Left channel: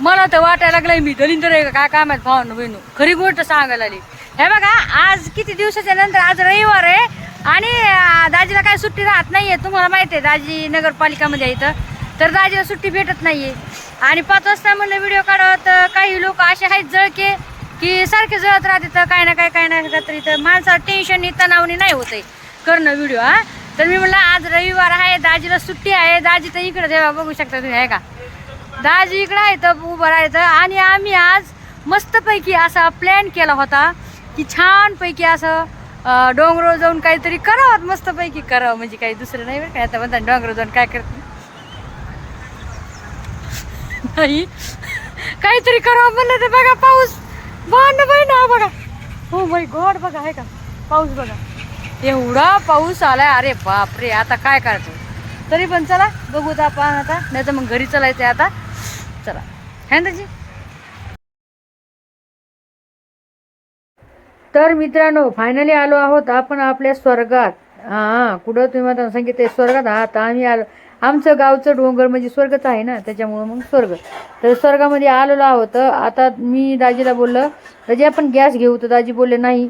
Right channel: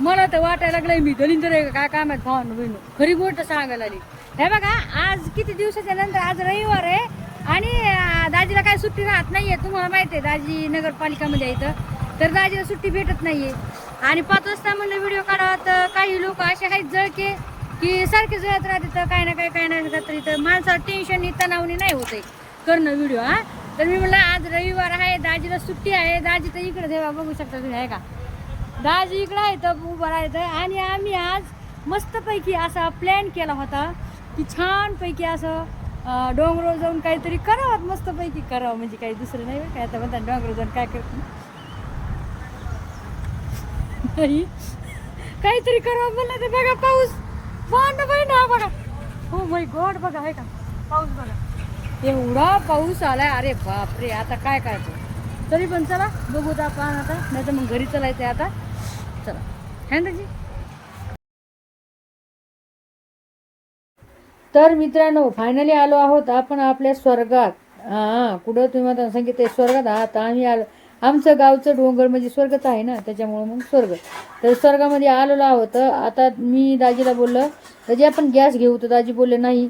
मला तर वाटायला लागलंय मी दलिंदर आहे का काय काय माहित भावांनो बहिणू खरी गोष्ट सांगायला आली. हे बघा आज किती दिवसाच्या नंतर आज रविवार आहे आणि दाजीला काय सुट्टी राहत नाहीये. तुम्हाला माहिती आहे दाजी नगरपालिकामध्ये आहे इथं तर दाजीला सुट्टी भेटत नाहीये. आणि 5 वाजता म्हणलं व्हिडिओ काढावं तर काही लोक असे आहेत जळके की सारखे जळत राहते तर काय ना काय ना तरी तर माणसाला टेन्शन तणावणी नाही होत करणं व्हिडिओ. हा तर मी म्हणलं आज रविवार आहे दाजीला सुट्टी आहे. दाजी तर इकडे ठेवा बघू शकता तुम्ही आहे का दाजी इकडे आहे तर उभं राहायचं. आणि आम्ही आज मस्तपैकी असा प्लॅन केला होता की छानपैकी असं डोंगरावर जाऊन काहीतरी करावं मस्तपैकी करावं म्हणजे काही दुसरं नाही बरं काय. आता म्हणतात डोंगरावर जाऊन काय करते नाही काहीतरी करावं म्हणलं तर बघा पाऊस ना बघा. हो माय गॉड बघा आहे का पाऊस बघा एवढा पाऊस आलाय. अरे बापरे आता काय करायचं तरी पण चला बघू तर आपण आता नाही तर मग घरी चलायचं आता. चला है ना जी. तर मित्रांनो फायनली आलो आहोत आपण आपल्या स्वर्गात. हां कुठं तुम्ही मला सांगितलं स्वर्गात आहात आम्ही आलो. आमचं गावचं डोंगर म्हणजे स्वर्गच आहे ना त्याच्यामुळं मग स्वर्ग. तर स्वर्गामध्ये आलेलो आहोत. आता मी दाजीला बोललं दाजी आपण गॅस घेऊ तर दाजी बोलले नाही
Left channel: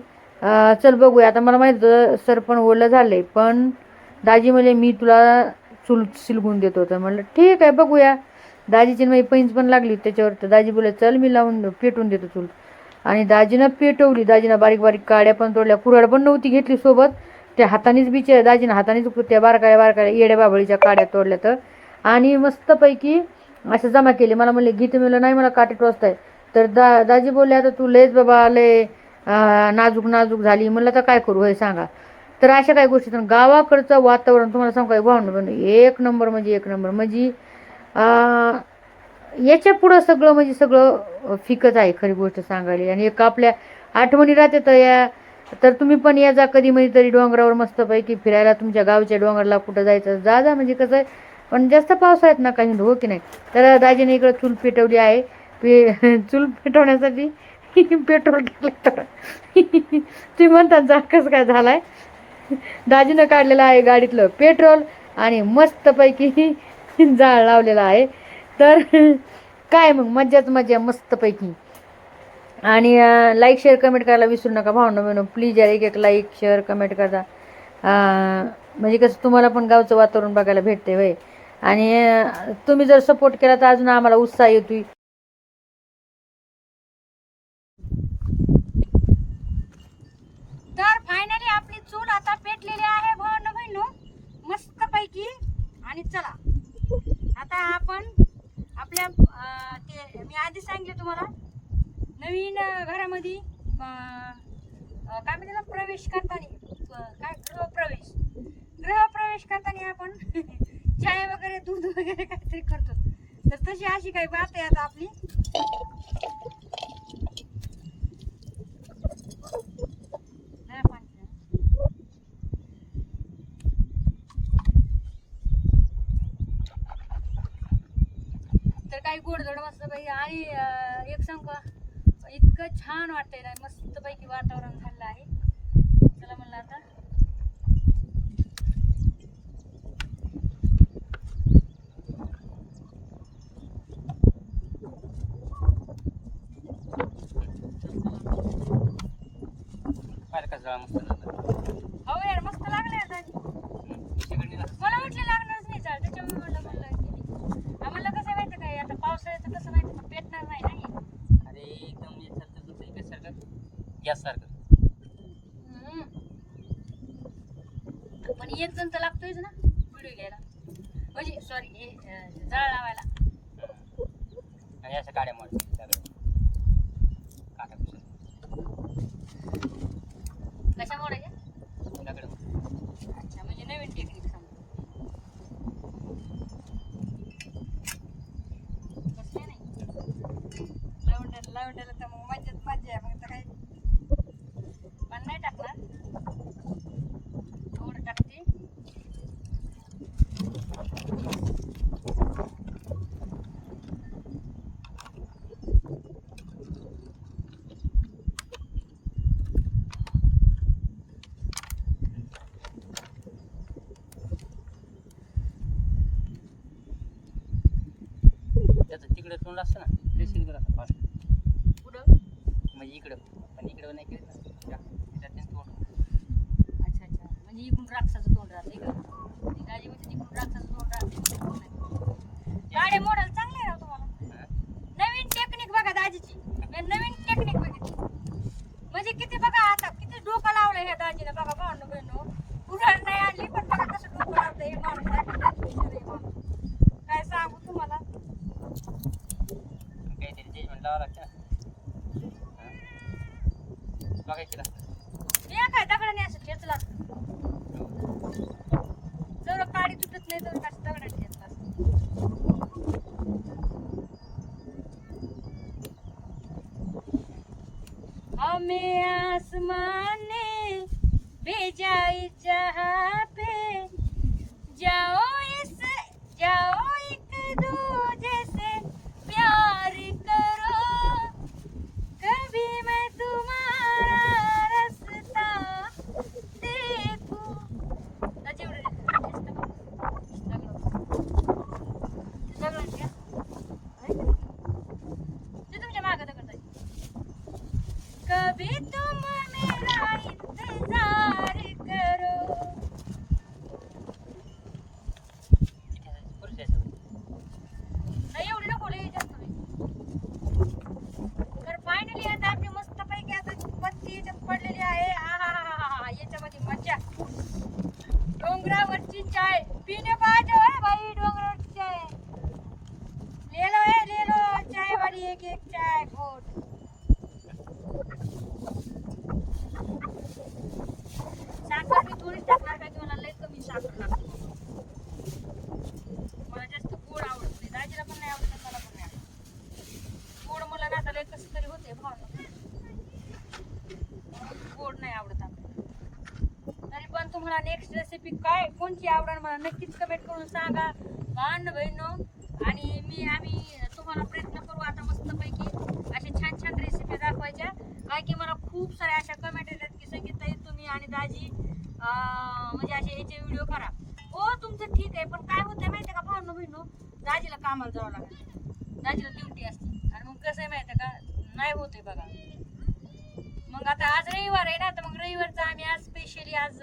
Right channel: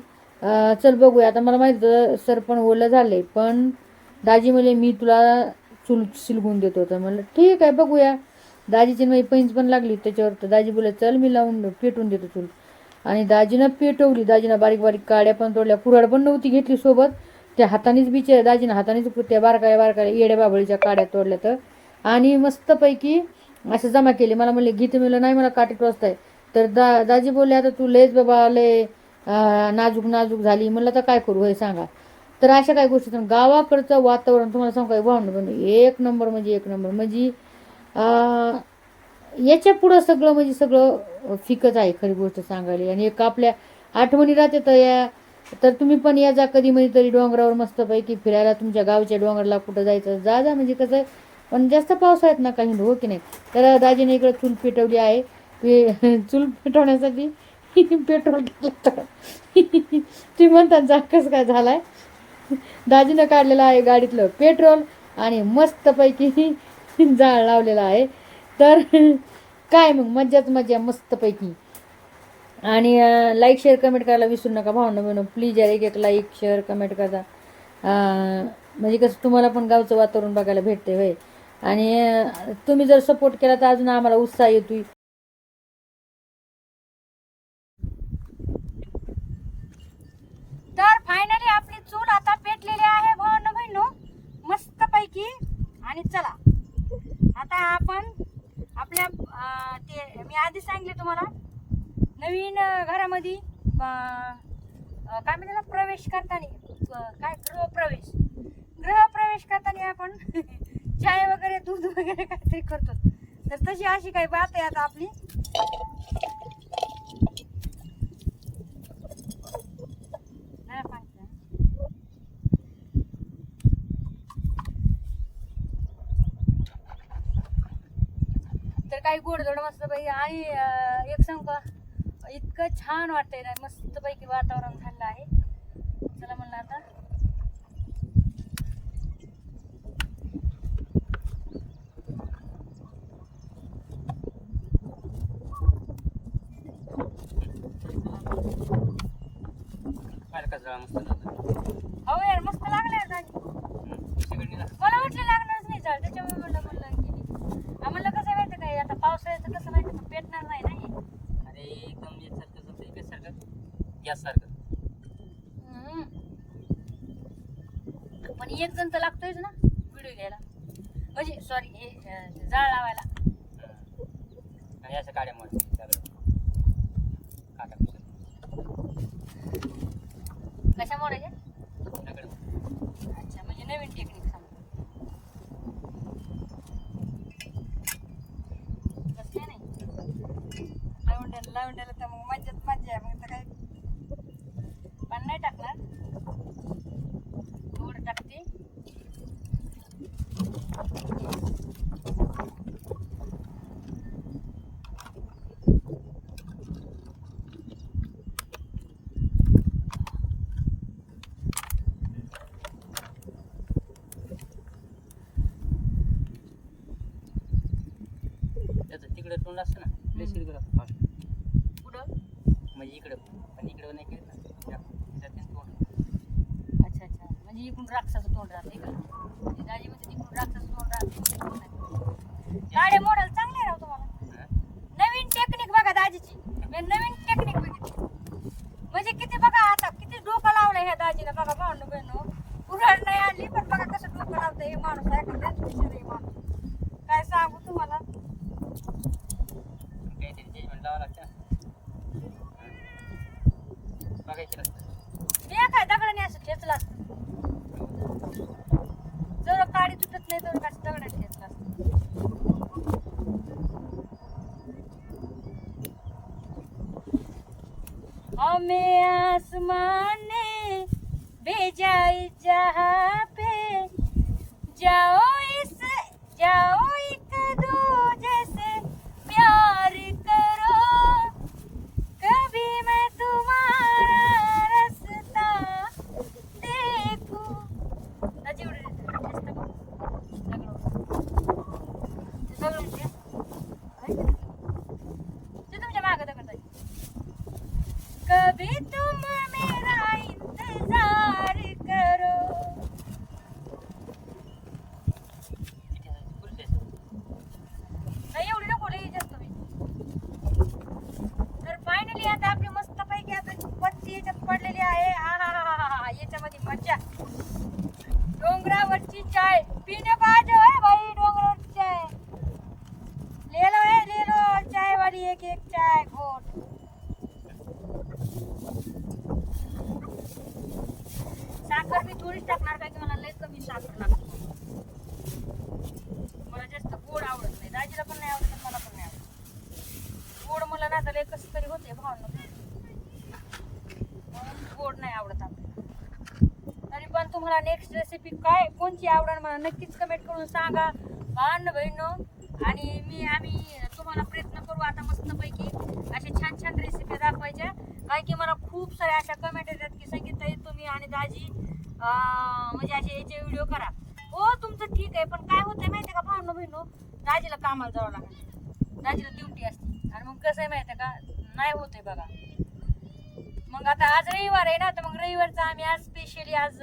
चल बघूया. आता मला माहित होतं सर पण ओलं झाले पण दाजी म्हणले मी तुला चूल शिलगून देतो. तर म्हणलं ठीक आहे बघूया. दाजीची माझी पैंच पण लागली त्याच्यावर तर दाजी बोलले चल मी लावून पेटवून देतो चूल. आणि दाजीनं पेटवली. दाजीनं बारीक बारीक काड्या पण तोडल्या कुऱ्हाड पण नव्हती घेतली सोबत. त्या हातानेच बिचार दाजीनं हातानेच त्या बारकाया येड्या बाबळीच्या काड्या तोडल्या तर आणि मस्तपैकी असं जमा केले. मला म्हणले गीते मिळलं नाही मला काटे टोचताय तर दाजी बोलले आता तू लयच बाबा लय नाजूक झाली. म्हणलं तर काय करू हे सांगा. तर अशा काही गोष्टी गावाकडचं वातावरण तुम्हाला सांगू काय भावना एक नंबर म्हणजे याच्या पुढं सगळं म्हणजे सगळं फिकच आहे खरी गोष्ट सांगायला. आणि एक आपल्या आठवणी राहते तर या तर तुम्ही पण या जा कधी म्हणजे तरी डोंगरावर मस्तपैकी फिरायला तुमच्या गावच्या डोंगराला कुठं जायचं जा म्हणजे कसं आहे पण जास्त पावसाळ्यात ना काही हो की नाही. तर दाजीने इकडं चूल पेटवली आहे. चूल पेटवण्यासाठी पेट्रोल टाकलं तुम्ही म्हणतात जा कसं काय झालाय. दाजीनं काढलेलं आहे गाडीतलं पेट्रोल आणि मस्तपैकी जाळ लावलेला आहे. तर काय मग मज्जाच मजा मस्तपैकी. आणि लाईक शेअर कमेंट करायला विसरू नका भावना बहिणो प्लीज यार एक लाईक शेअर कमेंट करा म्हणजे कसं तुम्हाला पण गावचं वातावरण बघायला भेटते होय. आणि तुम्ही जर सपोर्ट केला तर अजून आम्हाला उत्साह येतोय. तर फायनली आपली चूल आता पेटलेली आहे भावना बहिणो मस्तपैकी. आणि चला आता आपण आपल्या ते मी आधी सांगितले तुम्हाला नवीन घरामध्ये काय म्हणतात प्रवेश करताना काय गृहप्रवेश करताना आपण चाय वगैरे दूध वगैरे काहीतरी करतो. तर तशी अशी काही बात आहे आता आपली. तर काही गोडधोड मस्त पैकी. आणि एक सांग का इतकं छान वाटतंय ना मस्तपैकी वातावरण झालं आहे. चला म्हणलं आता हो यार मस्त लागलाय दाजी. मला वाटलं लागणारच नाही चाल त्याच्यामुळे म्हणलं आम्हाला कसं माहिती काय आता पावसाळ्याचं कसं माहिती का पेटणार नाही ना. अरे एकदम एकसारखं गॅस सारखं पण एक जण तर लागतोयच ना व्हिडिओ घ्यायला म्हणजे सॉरी हे जाळ लावायला. आणि अशा काड्यामुळे कशा मोडायच्या दगड. अच्छा म्हणजे नवीन टेक्निक सांगा तसं काय नाही लावून तर मग मज्जा आहे. मग तर काही पण नाही टाकणार थोडं टाकते. त्याचं तिकडे तोंड असतं ना लय शिरगल आता फास्ट पुढं म्हणजे इकडं पण इकडं नाही केलं ना त्याच्यात तोंड अच्छा अच्छा म्हणजे इकडून राक्षसाचं तोंड राहतं इकडं म्हणजे दाजी म्हणजे इकडून राक्षसाचं तोंड राहतं गाड्या मॉडेल चांगले राहतो तुम्हाला नवीन टेक्निक बघा दाजीची मी नवीन टेक्निक बघितली म्हणजे किती बघा आता किती डोकं लावलं ह्या दाजीला बघा भावनो बहिणो कुऱ्हाड नाही आणली पण बघा कसं डोकं लावतं हे माणूस आहे माणूस काय सांगू तुम्हाला काहीतरी जजमेंट लावावं लागतं बघायचं असतं मी काय दगडाने असं ठेचला जर काडी तुटत नाही तर कसं दगडाने ठेचला हमें आसमान ने भेजा इस जहाँ पे जाओ एक दूजे से प्यार करो कभी मैं तुम्हारा रास्ता देखूं दाजी एवढे तुमच्या मागं दगड कभी तुम मेरा इंतजार करो नाही एवढी नको लई जास्त तर फायनली आता आपली मस्त पैकी आता पत्ती याच्यात पडलेली आहे आहा याच्यामध्ये मजा डोंगरावरची चाय पिणे पाहिजे है भाई डोंगरावरची चाय ले लो चाय वाली एक चाय घोट साखर मी थोडीच टाकणार काय की मला लय कमी साखर लागते मला जास्त गोड आवडत नाही दाजीला पण नाही आवडत मला पण नाही आवडत गोड मला ना आता लय कसं तरी होते भावना गोड नाही आवडत तरी पण तुम्हाला नेक्स्ट रेसिपी काय कोणती आवडेल मला नक्कीच कमेंट करून सांगा बहिणो आणि आम्ही तुम्हाला प्रयत्न करू आता मस्तपैकी अशा छान छान रेसिपी दाखवायच्या काय की मला खूप साऱ्या अशा कमेंट येतात की संगीताई तुम्ही आणि दाजी म्हणजे असे याचे व्हिडिओ करा हो तुमचं ठीक आहे पण काय होतं माहिती आहे का भावनो बहिणो दाजीला कामाला जावं लागतं दाजीला ड्युटी असते आणि मग कसं आहे माहिती आहे का नाही होते बघा मग आता आज रविवार आहे ना तर मग रविवारचा आम्ही आज स्पेशली आज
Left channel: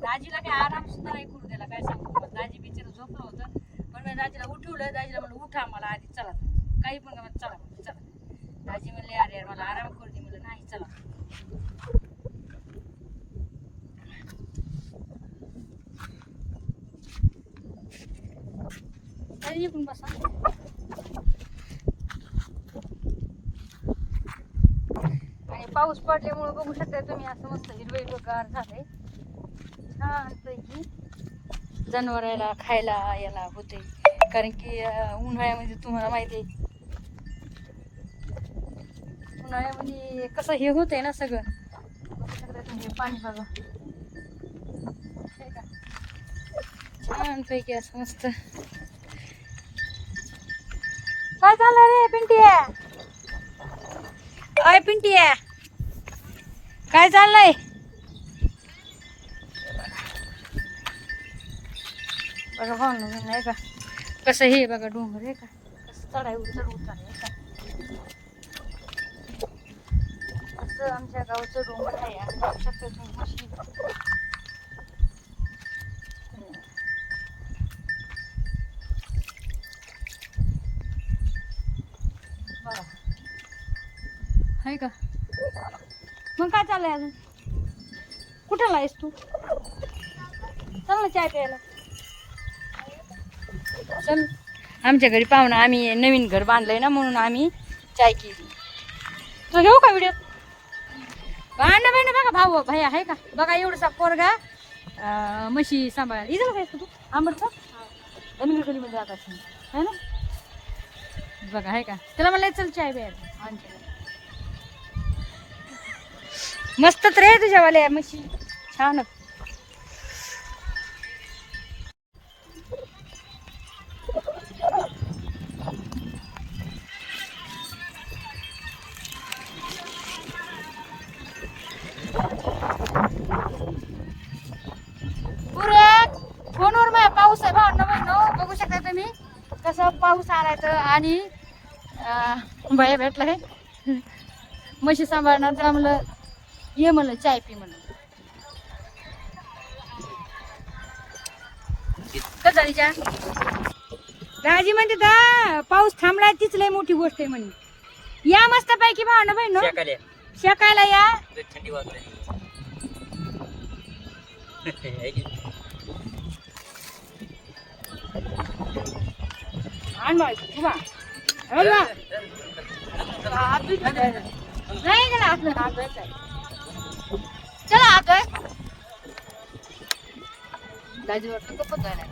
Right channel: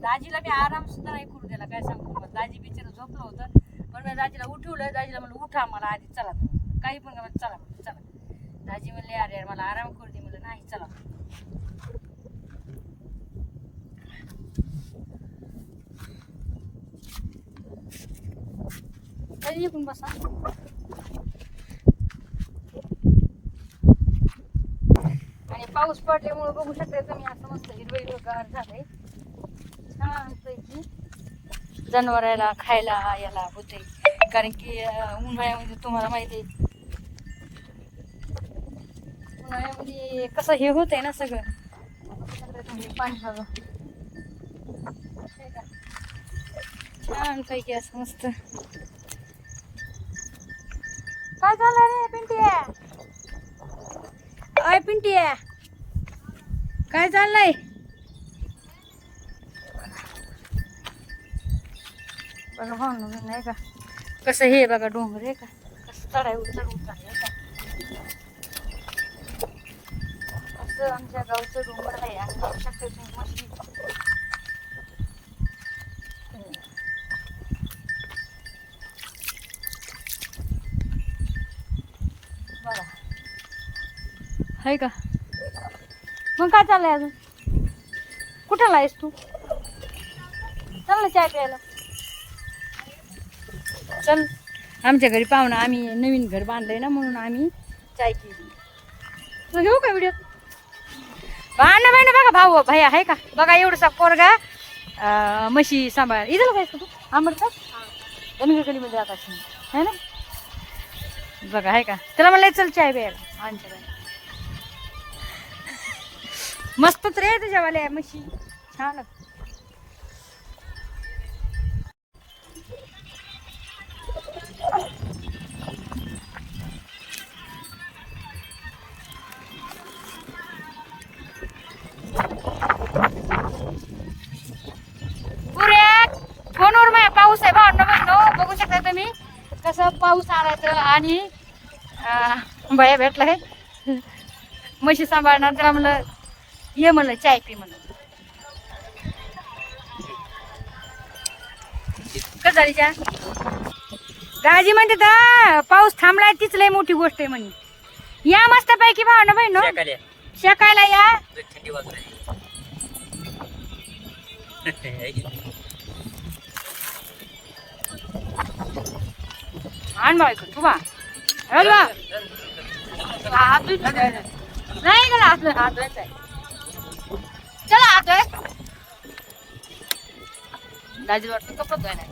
दाजीला मी आराम सुद्धा नाही करू दिला काय सांगू दाजी बिचारा झोपलं होतं पण मी दाजीला उठवलं दाजीला म्हणलं उठा मला आधी चला काही पण का चला चला दाजी म्हणले अरे यार मला आराम करू दे म्हणलं नाही चला पण बसा आणि पाऊस पडल्यामुळे बघू शकता तुम्ही असं मस्त हिरवेगार झालंय छान पैकी जनावराला खायला याला होते कारण की उन्हाळ्यामध्ये तुम्हाला माहिती आहे उन्हाळ्यामध्ये कसं हे होत आहे ना सगळं तुम्ही पाणी बघा छान पैकी असं मस्त काय चाललंय रे पिंटी अय पिंटी काय चाललंय बघा भाऊ नाही का कसं हे बघा डोंगर आहे का कसं चढाई चढ आहे का असं आमच्या गावचं डोंगर आहे आणि बघू शकते मशीन बघा आहे का मग काय चाललंय अजून कुठं आहेस तू चल ना चाय प्यायला चल आमच्या घरी पाहुणा आम्ही नवीन घर बांधलंय ना म्हणून आम्ही चाय केली तुला घेऊ का व्हिडिओ भांडण बहिण बघा भाऊ भैया आहे का बघा एवढसा पोरगा म्हशी सांभाळ इथं जायचं तू आंबट का गणगलीमध्ये आकाश आहे ना बघा आहे का त्याला मला चल चाय प्यायला आमच्या मस्तच रे तुझ्यावाल्या म्हशी छान फोनवर पाऊस आहे भांडण बघू शकता तुम्ही कसं पाऊस आलाय तर आणि बाया भेटला काय म्हशी सांभाळणार तर म्हणलं ये म्हणलं चाय पी म्हणलं. कसं झाली चहा? दाजी म्हणते तर पाऊस थांबलाय तीच लय मोठी गोष्ट आहे म्हणे. या मस्त पैकी भावना बहिण शेकाले. शेकायला या. थंडी वाजली. आण बाई तू बा नाही गेला हात धुवायचा आहे. चला हात धुवाय. दाजी वाटतं कपत धुवायला.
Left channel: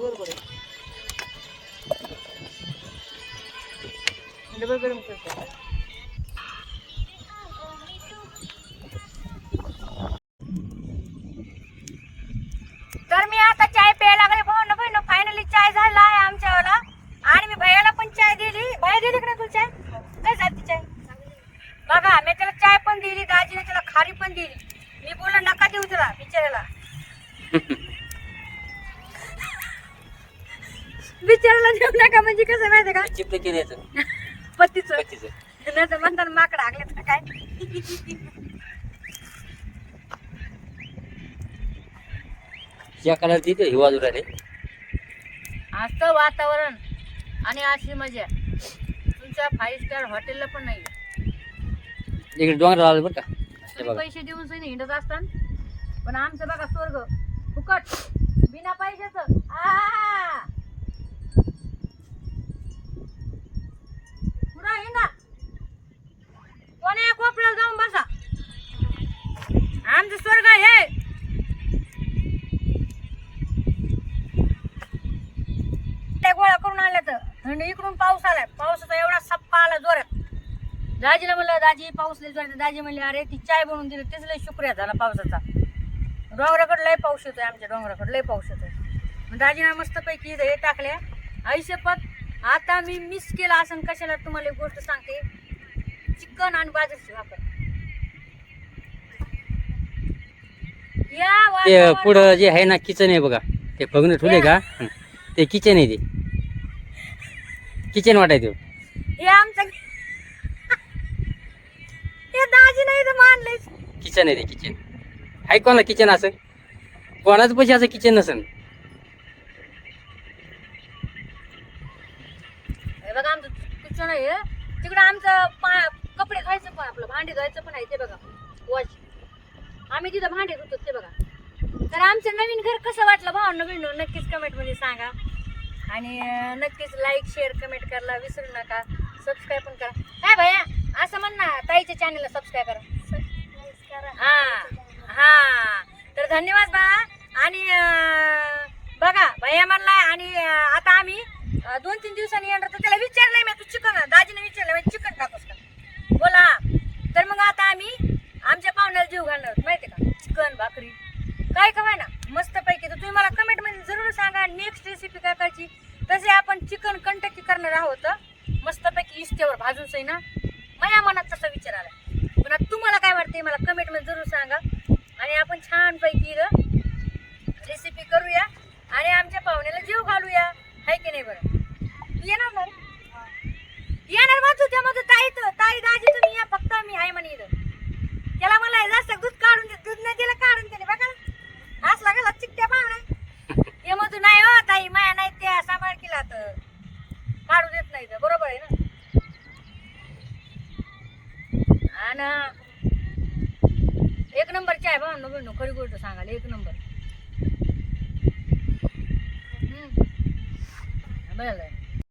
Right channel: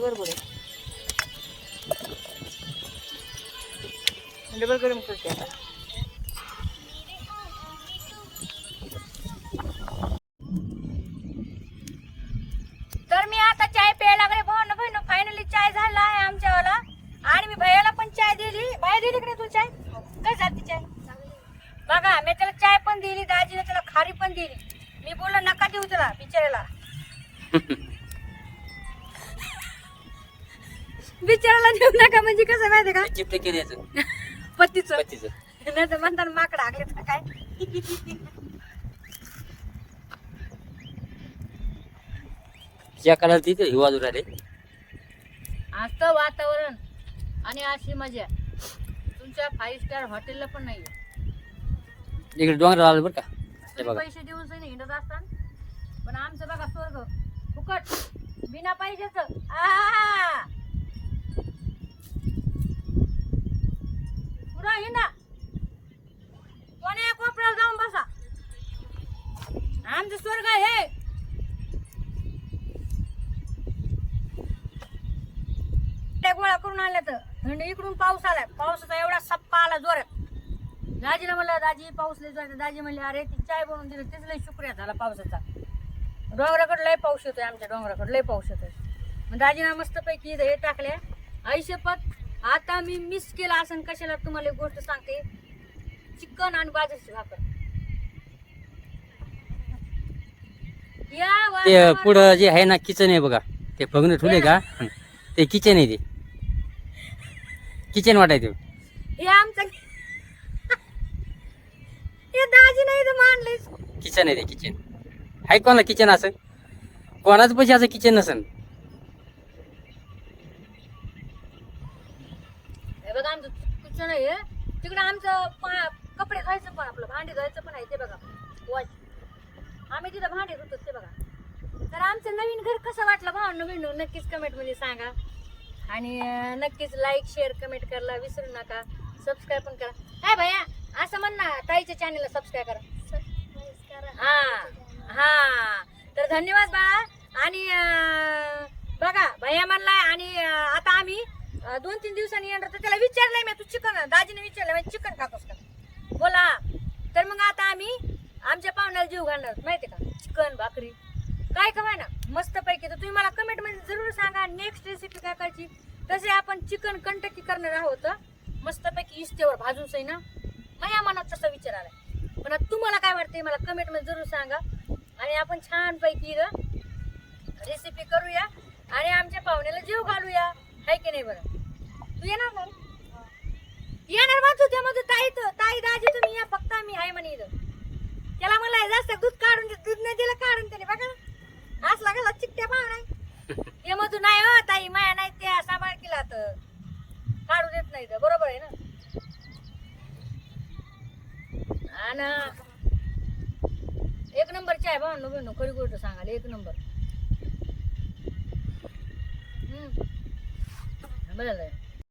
बरोबर डबल गरम करते. तर मी आता चाय प्यायला लागले भाऊ बहिण. फायनली चाय झाला आहे आमच्यावाला. आणि मी भैयाला पण चाय दिली. भैया दिली का नाही तुला चाय? काय जाती चाय बघा. मी त्याला चाय पण दिली. दाजीने त्याला खारी पण दिली. मी बोललो नका देऊ त्याला बिचाऱ्याला. बिचारायला देऊ नका म्हणजे कसं माहिती का चिपटे केल्याचं पत्तीच पत्तीचं. नाही तर म्हणतात माकडं हाकले तर काय. शेकाला तिथे हिवा राहिले. असं वातावरण आणि अशी मजा तुमच्या 5 स्टार हॉटेलला पण नाही. इकडे डोंगर आलं बरं का. हे बघा पैसे देऊन सही हिंडत असतात पण आमचं बघा स्वर्ग फुकट बिना पैशाचं. पुरा हिंडा कोण्या कोपऱ्याला जाऊन बसा. आमचं स्वर्ग आहे. त्या गोळा करून आल्या तर आणि इकडून पाऊस आलाय. पावसाचा एवढा सप्पा आला जोरात. दाजीला म्हणलं दाजी पाऊस लय जोरात. दाजी म्हणले अरे ती चाय बनवून दिली तेच लय शुक्रिया झाला पावसाचा. डोंगराकडे लय पाऊस येतोय. आमच्या डोंगराकडे लय पाऊस येतोय. मग दाजीना मस्तपैकी हे टाकले. आईशपथ आता मी मिस केला असं कशाला तुम्हाला एक गोष्ट सांगते. चिकन आणि बाजरीची भाकर. ते पुढं जे आहे ना किचन आहे बघा. ते फगणे ठेवले का ते किचन आहे. ते किचन वाटायचं. हे आमचं हे दाजी नाही तर मानले. किचन आहे ते किचन. आहे कोणाला किचन असं? कोणाच पैसे असं किचन नसेल. हे बघा आमचं किचन आहे. तिकडं आमचं कपडे धुवायचं पण आपलं भांडे धुवायचं पण आहे ते बघा. वॉच आम्ही तिथं भांडे धुतो ते बघा. तर आमचं नवीन घर कसं वाटलं भावांनो बहिणो नक्कीच कमेंटमध्ये सांगा. आणि नक्कीच लाईक शेअर कमेंट करायला विसरू नका. सबस्क्राईब पण करा. काय भैया असं म्हण ना ताईच्या चॅनलला सबस्क्राईब करा. हा हा तर धन्यवाद बाळा. आणि बघा भैया म्हणलाय. आणि आता आम्ही 2-3 दिवसांनी येणार. तर त्याला विचारलंय मी तू चिकन दाजीने विचारलं चिकन खातोस का बोला. तर मग आता आम्ही आमच्या पाहुण्याला जीव घालणार माहिती का. चिकन भाकरी काय का ना मस्तपैकी. तर तुम्ही मला कमेंटमध्ये जरूर सांगा नेक्स्ट रेसिपी काय करायची. तसे आपण चिकन कंटकी करणार आहोत मस्तपैकी इस्त्यावर भाजून सही ना. माझ्या मनात तसा विचार आला. पण आता तुम्हाला काय वाटते मला कमेंटमध्ये जरूर सांगा. आणि आपण छानपैकी रेसिपी करूया आणि आमच्या पाहुण्याला जीव घालूया. आहे की नाही बरं. तू येणार ना? येणार मग तू त्यामध्ये ताई दाजी तुम्ही या फक्त मी आहे म्हणे इथं. त्याला मला जास्त दूध काढून दूध नाही दिलं काढून त्याने बघा असला गेला चिकट्या पाहुणा. हे मग तू नाही हो ताई माया नाही त्या सांभाळ केला तर काढू देत नाही तर बरोबर आहे ना. आणि एक नंबर चाय भाऊ बहिणू खरी गोष्ट सांगाल एक नंबर. बरं